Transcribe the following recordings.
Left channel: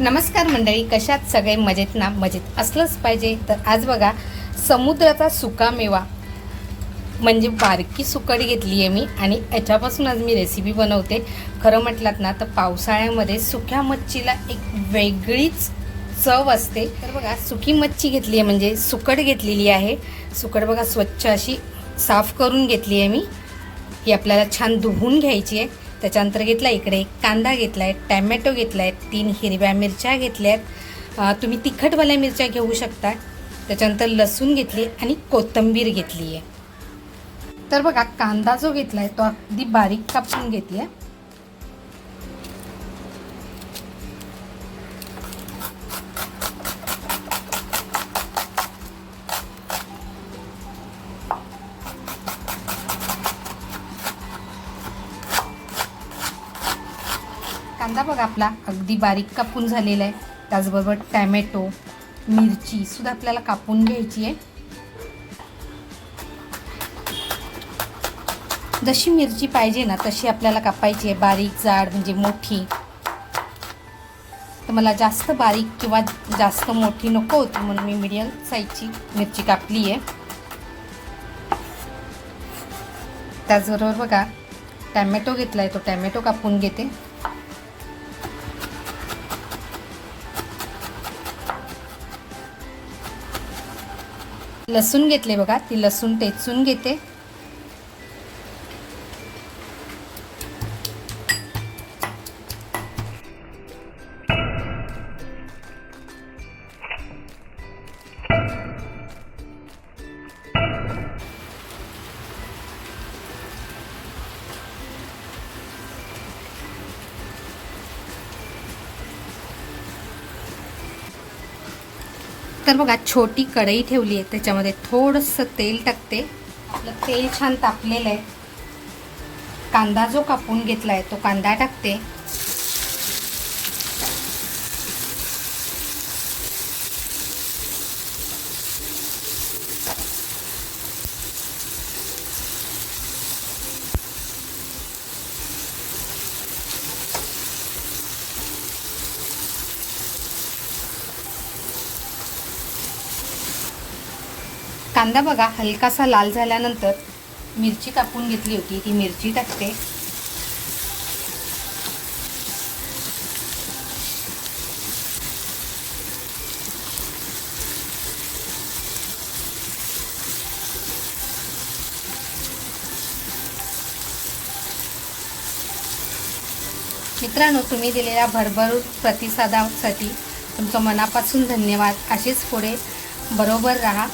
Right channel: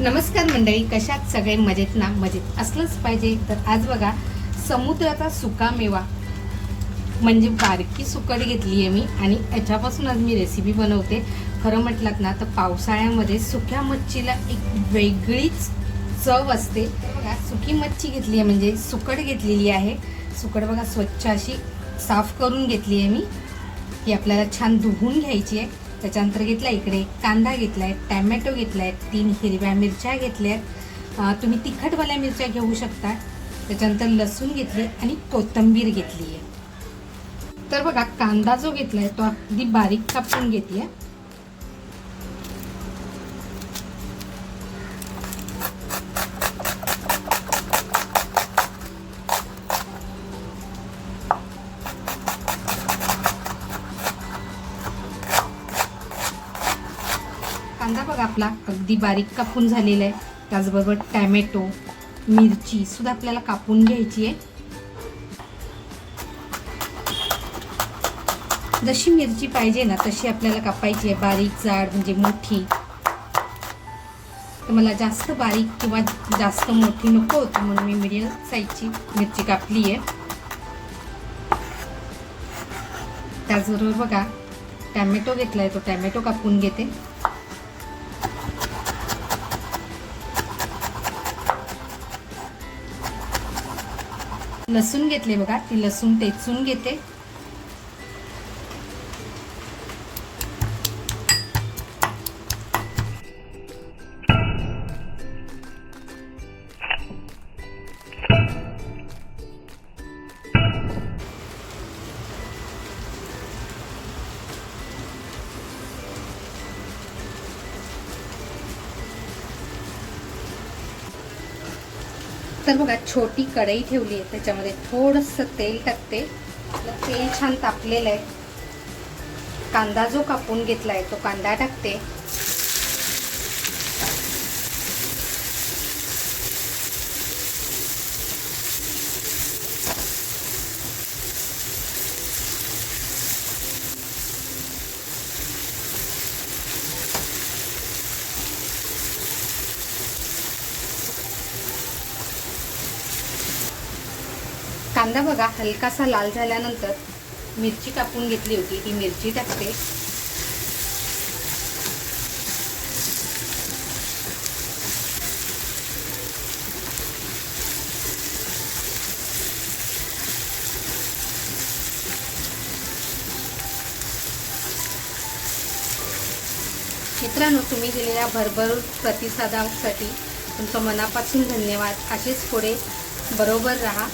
नमस्कार मंडळी कशात सगळे मजेत ना? मजेत असलंच पाहिजे. तर आज बघा समुद्राचा सुका मेवा म्हणजे बारकी सुकट घेतली आहे मी आणि याच्यापासून आज मी रेसिपी बनवते. खरं म्हटलात ना तर पावसाळ्यामध्ये सुक्या मच्छीला एक वेगळीच चव असते. बघा सुकी मच्छी घेतली आहे म्हणजे सुकट घेतलेली आहे. सुकट बघा स्वच्छ अशी साफ करून घेतली आहे मी. ही आपल्याला छान धुवून घ्यायची आहे. त्याच्यानंतर घेतला इकडे कांदा घेतला आहे टॅमॅटो घेतला आहे तीन हिरव्या मिरच्या घेतल्या आहेत तुम्ही तिखटवाल्या मिरच्या घेऊ शकता. त्याच्यानंतर लसूण घेतली आणि कोथिंबीर घेतली आहे तर बघा कांदा जो घेतला आहे तो अगदी बारीक कापून घेतला आहे आपला अगदी बारीक कापून झालेला आहे. त्याचबरोबर टॅमॅटो मिरची सुद्धा आपल्याला कापून घ्यायची आहे. जशी मिरची पाहिजे ना तशी आपल्याला कापायची आहे. बारीक जाड म्हणजे मोठी. तर मला जास्त बारीक किंवा जास्त मोठी नको होती म्हणून मी मिडियम साईजची मिरची कापली आहे. त्याचबरोबर बघा टॅमॅटो घेतला आहे तो टॅमॅटो कापून घेते. लसूण घेतले बघा ती लसूण टेचून घेते. तर बघा छोटी कढई ठेवली आहे. त्याच्यामध्ये थोडंसं तेल टाकते. तेल छान तापलेलं आहे. कांदा जो कापून घेतला आहे तो कांदा टाकते. कांदा बघा हलकासा लाल झाल्यानंतर मिरची कापून घेतली होती. ती मिरची टाकते. मित्रांनो तुम्ही दिलेल्या भरभरून प्रतिसादासाठी तुमचं मनापासून धन्यवाद. असेच पुढे बरोबर राहा.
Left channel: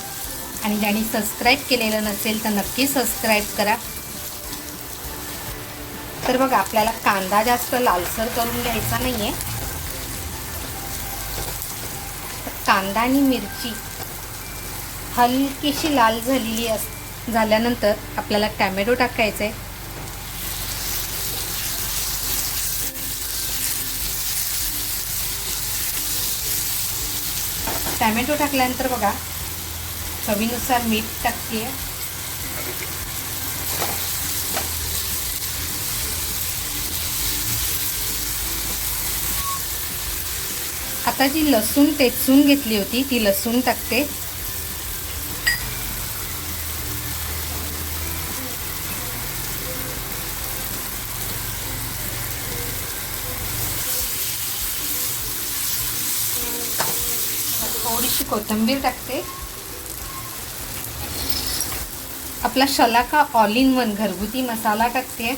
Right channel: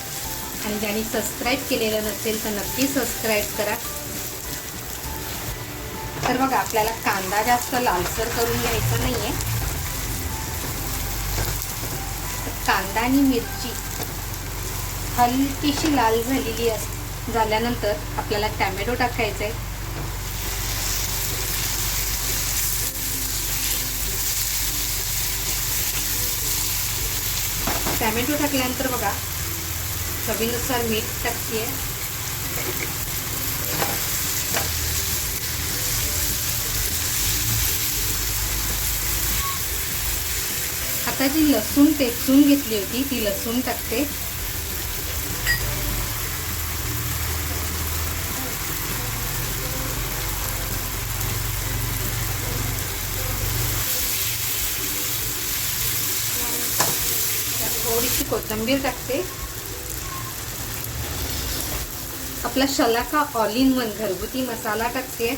आणि ज्यांनी सबस्क्राईब केलेलं नसेल तर नक्की सबस्क्राईब करा. तर बघा आपल्याला कांदा जास्त लालसर करून घ्यायचा नाही आहे कांदा आणि मिरची हलकीशी लाल झालेली अस झाल्यानंतर आपल्याला टॅमॅटो टाकायचा आहे टॅमॅटो टाकल्यानंतर बघा चवीनुसार मीठ टाकते. आता जी लसूण टेचून घेतली होती ती लसूण टाकते. थोडीशी कोथिंबीर टाकते. आपला शलाका ऑल इन वन घरगुती मसाला टाकते.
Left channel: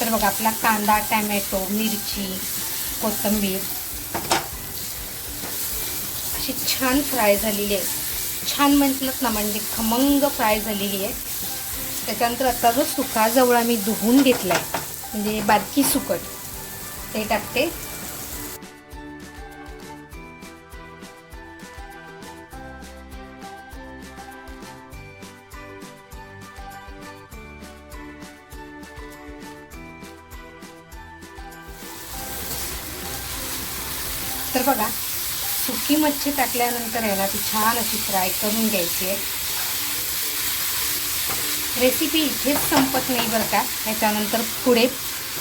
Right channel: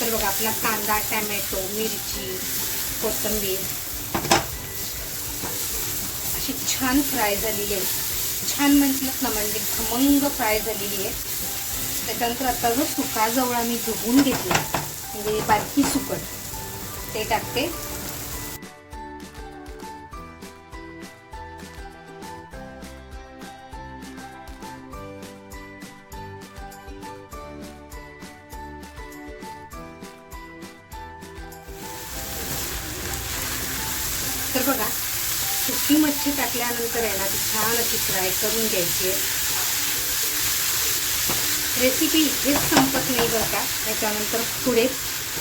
तर बघा आपला कांदा टॅमॅटो मिरची कोथिंबीर अशी छान फ्राय झालेली आहे. छान म्हटलं ना म्हणजे खमंग फ्राय झालेली आहे. त्याच्यानंतर आता जो सुका जवळ मी धुवून घेतला म्हणजे बारकी सुकट ते टाकते. तर बघा सुकी मच्छी टाकल्यानंतर आहे ना ती छान अशी फ्राय करून घ्यायची आहे. रेसिपी इथेच संपत नाही बरं का. त्याच्यानंतर पुढे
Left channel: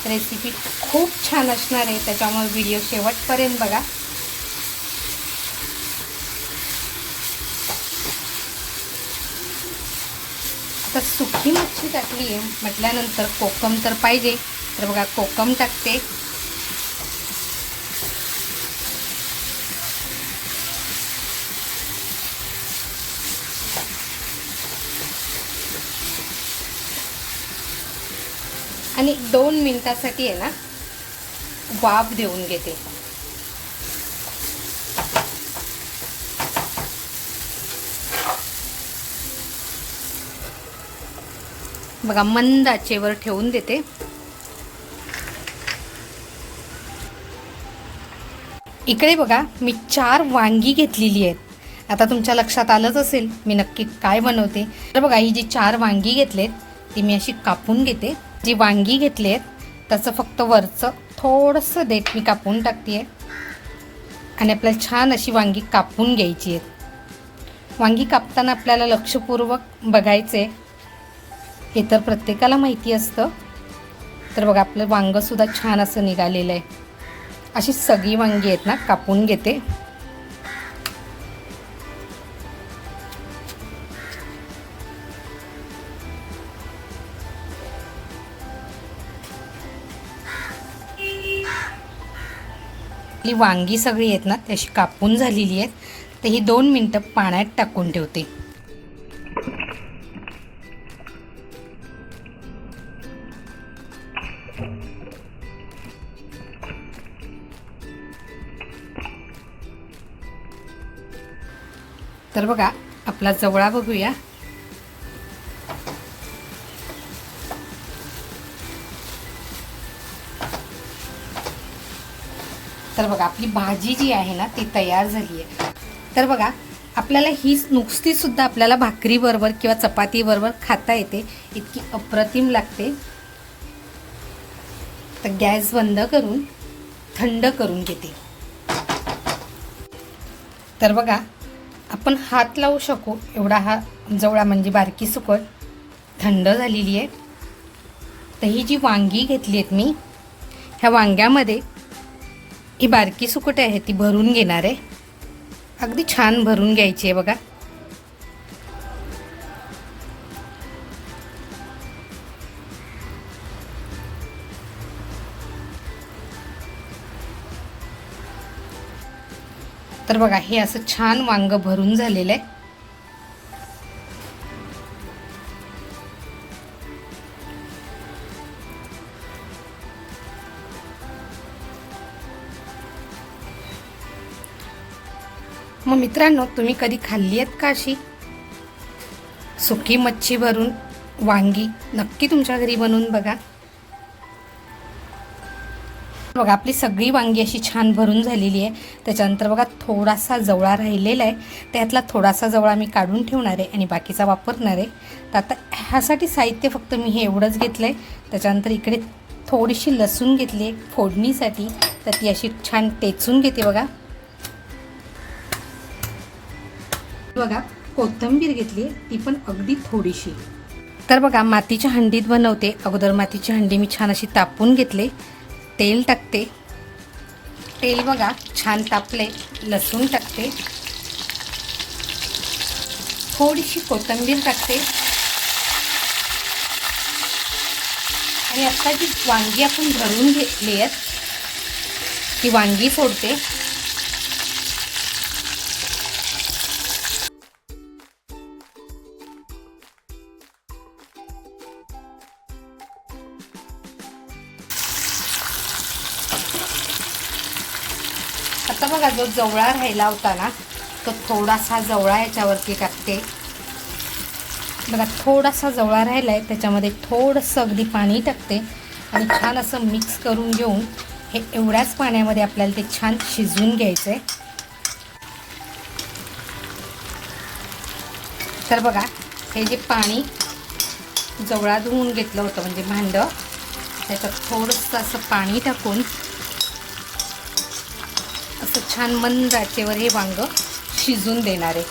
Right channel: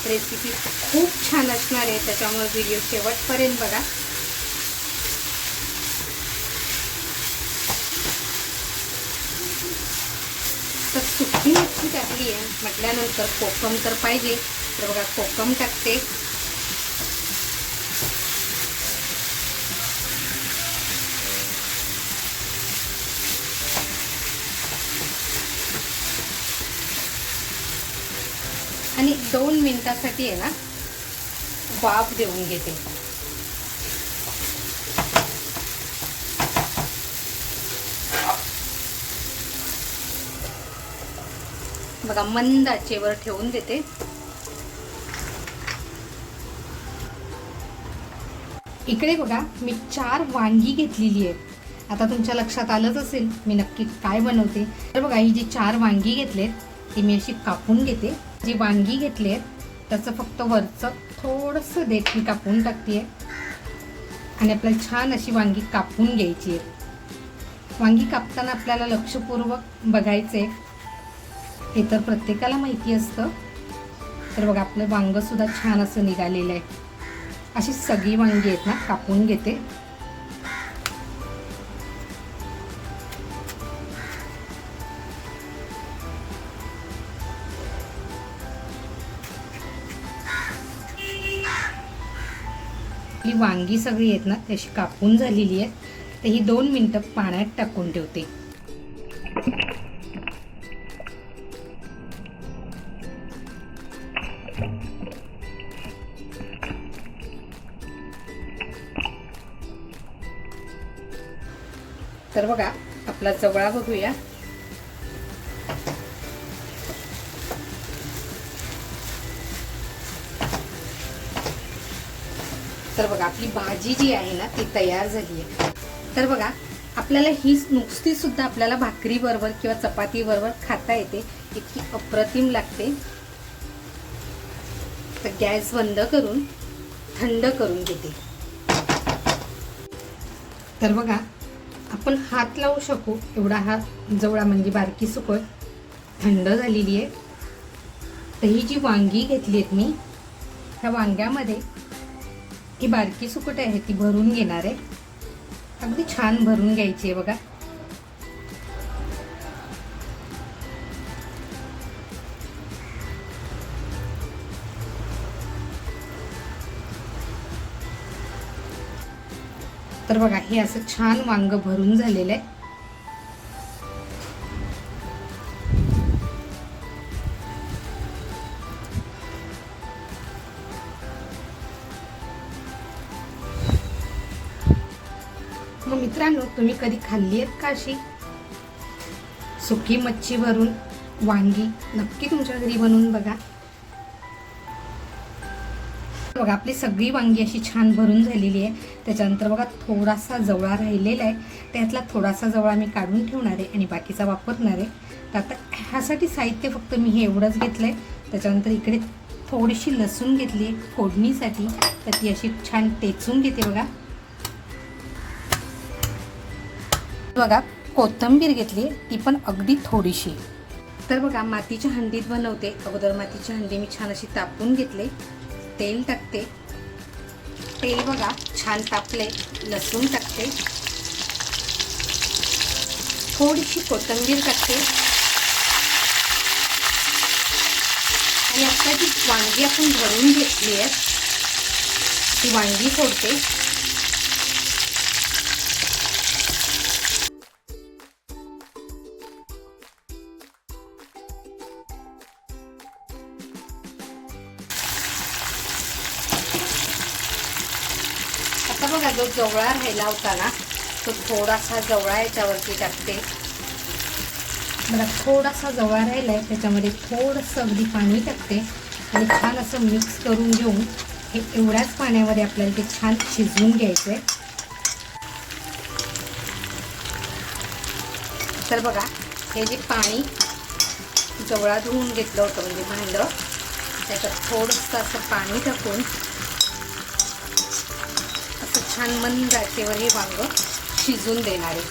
रेसिपी खूप छान असणार आहे. त्याच्यामुळे व्हिडिओ शेवटपर्यंत बघा. तर सुकी मच्छी टाकली आहे. म्हटल्यानंतर कोकम तर पाहिजे. तर बघा कोकम टाकते. आणि दोन मिनटासाठी आहे ना वाफ देऊन घेते. बघा मंद आचेवर ठेवून देते. इकडे बघा मी चार वांगी घेतलेली आहेत. आता तुमच्या लक्षात आलंच असेल मी नक्की काय बनवते. तर बघा ही जी चार वांगी घेतलेत ती मी अशी कापून घेते. जी वांगी घेतली आहेत त्याचं फक्त वरचं थोडंसं देत मी कापून टाकते आणि आपल्याला छान अशी वांगी कापून घ्यायची आहेत वांगी कापताना आपल्याला लक्षपूर्वक बघायचे हे तर प्रत्येकाला माहिती असतं. तर बघा आपलं वांगंसुद्धा छान असं निघालेलं आहे. अशी सगळी वांगी आहेत ना कापून घेते. आपली वांगी सगळी आहेत ना ती अशी कापून झालेली आहेत. तर ही दोन मिनटं पाण्यात टाकून ठेवते. तर बघा आपला जवळा बघूया. तर बघा आपली भाजी जी आहे ना ती तयार झाली आहे. तर बघा आपल्याला ही नुकतीसुद्धा आपल्याला भाकरीबरोबर किंवा चपातीबरोबर खाता येते इतकी अप्रतिम लागते. तर गॅस बंद करून थंड करून घेते. तर बघा आपण हात लावू शकू एवढा हा जवळा म्हणजे बारकी सुकट थंड झालेली आहे. तर ही जी वांगी घेतली आहेत मी ह्या वांग्यामध्ये ही बारकी सुकट आहे ती भरून घेणार आहे. अगदी छान भरून घ्यायची आहे बघा. तर बघा हे असं छान वांग भरून झालेलं आहे. मग मित्रांनो तुम्ही कधी खाल्ली आहेत का अशी? सुकी मच्छी भरून वांगी नक्की तुमच्या घरी बनवून बघा. बघा आपली सगळी वांगी अशी छान भरून झालेली आहे. त्याच्यानंतर बघा थोडासा जवळा राहिलेला आहे. त्यातला थोडासा जवळा मी काढून ठेवणार आहे आणि बाकीचा वापरणार आहे. तर आता ह्यासाठी साहित्य फक्त मी हे एवढंच घेतलं आहे त्याच्यानंतर इकडे थोडीशी लसूण घेतली आहे फोडणीसाठी. तर ती अशी छान टेचून घेते बघा. बघा कोथिंबीर घेतली ती पण अगदी थोडीशी. तर बघा मातीच्या हंडीत बनवते. अगोदर मातीची हंडी मी छान अशी तापून घेतले. तेल टाकते. तेल बघा छान तापले लसूण टाकते. थोडीशी कोथिंबीर टाकते. आणि आता जी वांगी आपण भरून घेतली आहेत ती वांगी सोडते. आता बघा जो जवळा राहिला होता ना तो थोडासा जवळा याच्यावरती टाकते. बघा थोडासा जवळा राहिला आहे त्याच्यामध्ये थोडंसं अगदी पाणी टाकते. आणि छान असं मिक्स करून घेऊन हे एवढ्याच पाण्यामध्ये आपल्याला ते छान शिजवून घ्यायचं आहे तर बघा हे जे पाणी जवळा धुवून घेतलं होतं म्हणजे भांडं त्याच्यात थोडंसं असं पाणी टाकून असं छान मंद आचेवर हे वांग शिजून देणार आहे.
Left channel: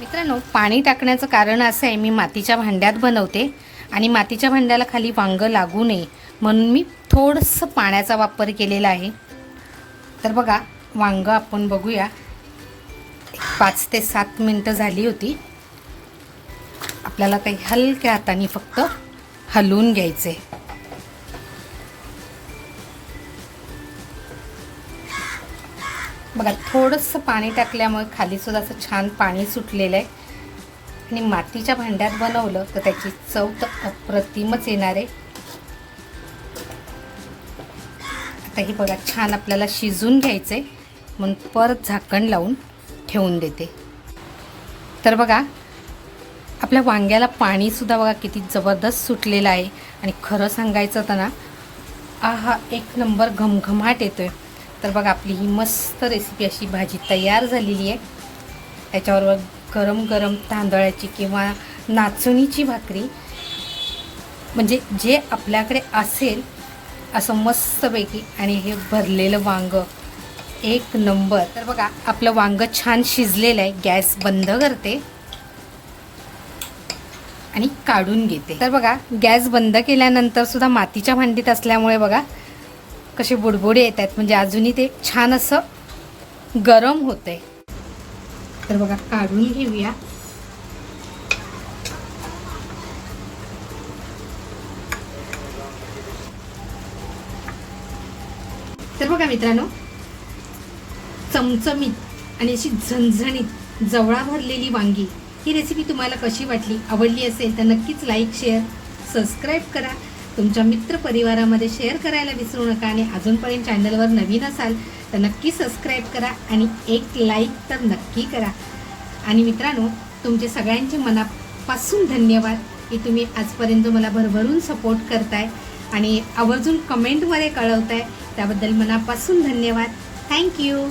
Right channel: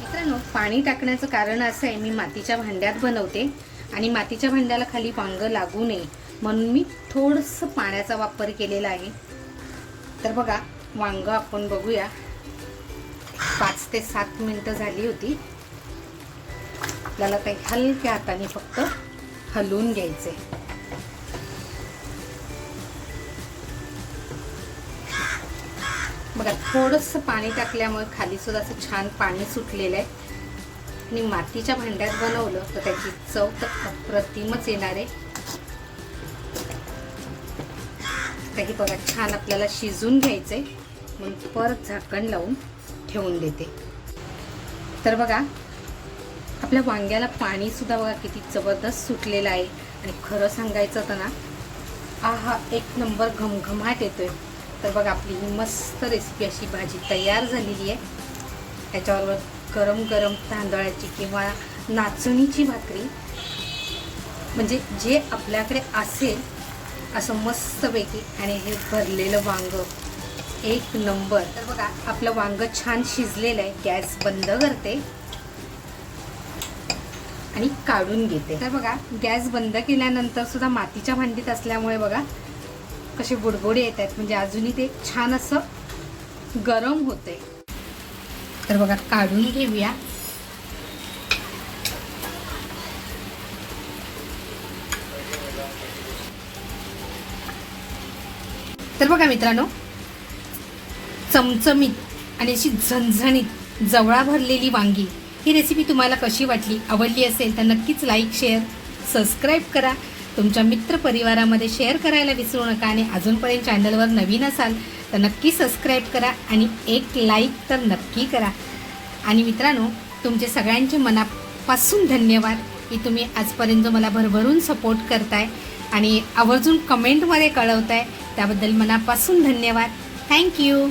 मित्रांनो पाणी टाकण्याचं कारण असं आहे मी मातीच्या भांड्यात बनवते आणि मातीच्या भांड्याला खाली वांग लागू नये म्हणून मी थोडंसं पाण्याचा वापर केलेला आहे. तर बघा वांग आपण बघूया. पाच ते सात मिनटं झाली होती. आपल्याला काही हलक्या हाताने फक्त हलवून घ्यायचे बघा थोडंसं पाणी टाकल्यामुळे खालीसुद्धा असं छान पाणी सुटलेलं आहे. आणि मातीच्या भांड्यात बनवलं तर त्याची चव तर अप्रतिमच येणार आहे. आता हे बघा छान आपल्याला शिजून घ्यायचं आहे म्हणून परत झाकण लावून ठेवून देते. तर बघा आपल्या वांग्याला पाणीसुद्धा बघा किती जबरदस्त सुटलेलं आहे. आणि खरं सांगायचं तर ना हा एक नंबर घमघमाट येतोय. तर बघा आपली ही मस्त रेसिपी अशी भाजी तयार झालेली आहे. त्याच्याबरोबर गरम गरम तांदळाची किंवा नाचणीची भाकरी. म्हणजे जे आपल्याकडे असेल असं मस्तपैकी आणि हे भरलेलं वांग एक नंबर. तर बघा आपलं वांग छान शिजलेलं आहे. गॅस बंद करते. आणि काढून घेते. तर बघा गॅस बंद केल्यानंतर सुद्धा मातीच्या भांडीत असल्यामुळे बघा कसे बुडबुडे येत आहेत. म्हणजे अजूनही ते छान असं गरम होतंय. तर बघा काढून घेऊया. तर बघा मित्रांनो चमचमीत आणि अशी झणझणीत जवळा भरलेली वांगी. ही रेसिपी तुम्हाला कशी वाटली आवडली असेल तर नक्कीच लाईक शेअर सबस्क्राईब करा. तुमच्या मित्रपरिवारामध्ये शेअर करायला विसरू नका आणि अजूनपर्यंत चॅनलवर नवीन असाल तर नक्की सबस्क्राईब करा आणि एक लाईक तर नक्की करा. आणि मित्रांनो तुमचे सगळ्यांचे मनापासून धन्यवाद की तुम्ही आजपर्यंत मला भरभरून सपोर्ट करताय आणि आवर्जून कमेंटमध्ये कळवताय. त्याबद्दल मनापासून धन्यवाद. थँक्यू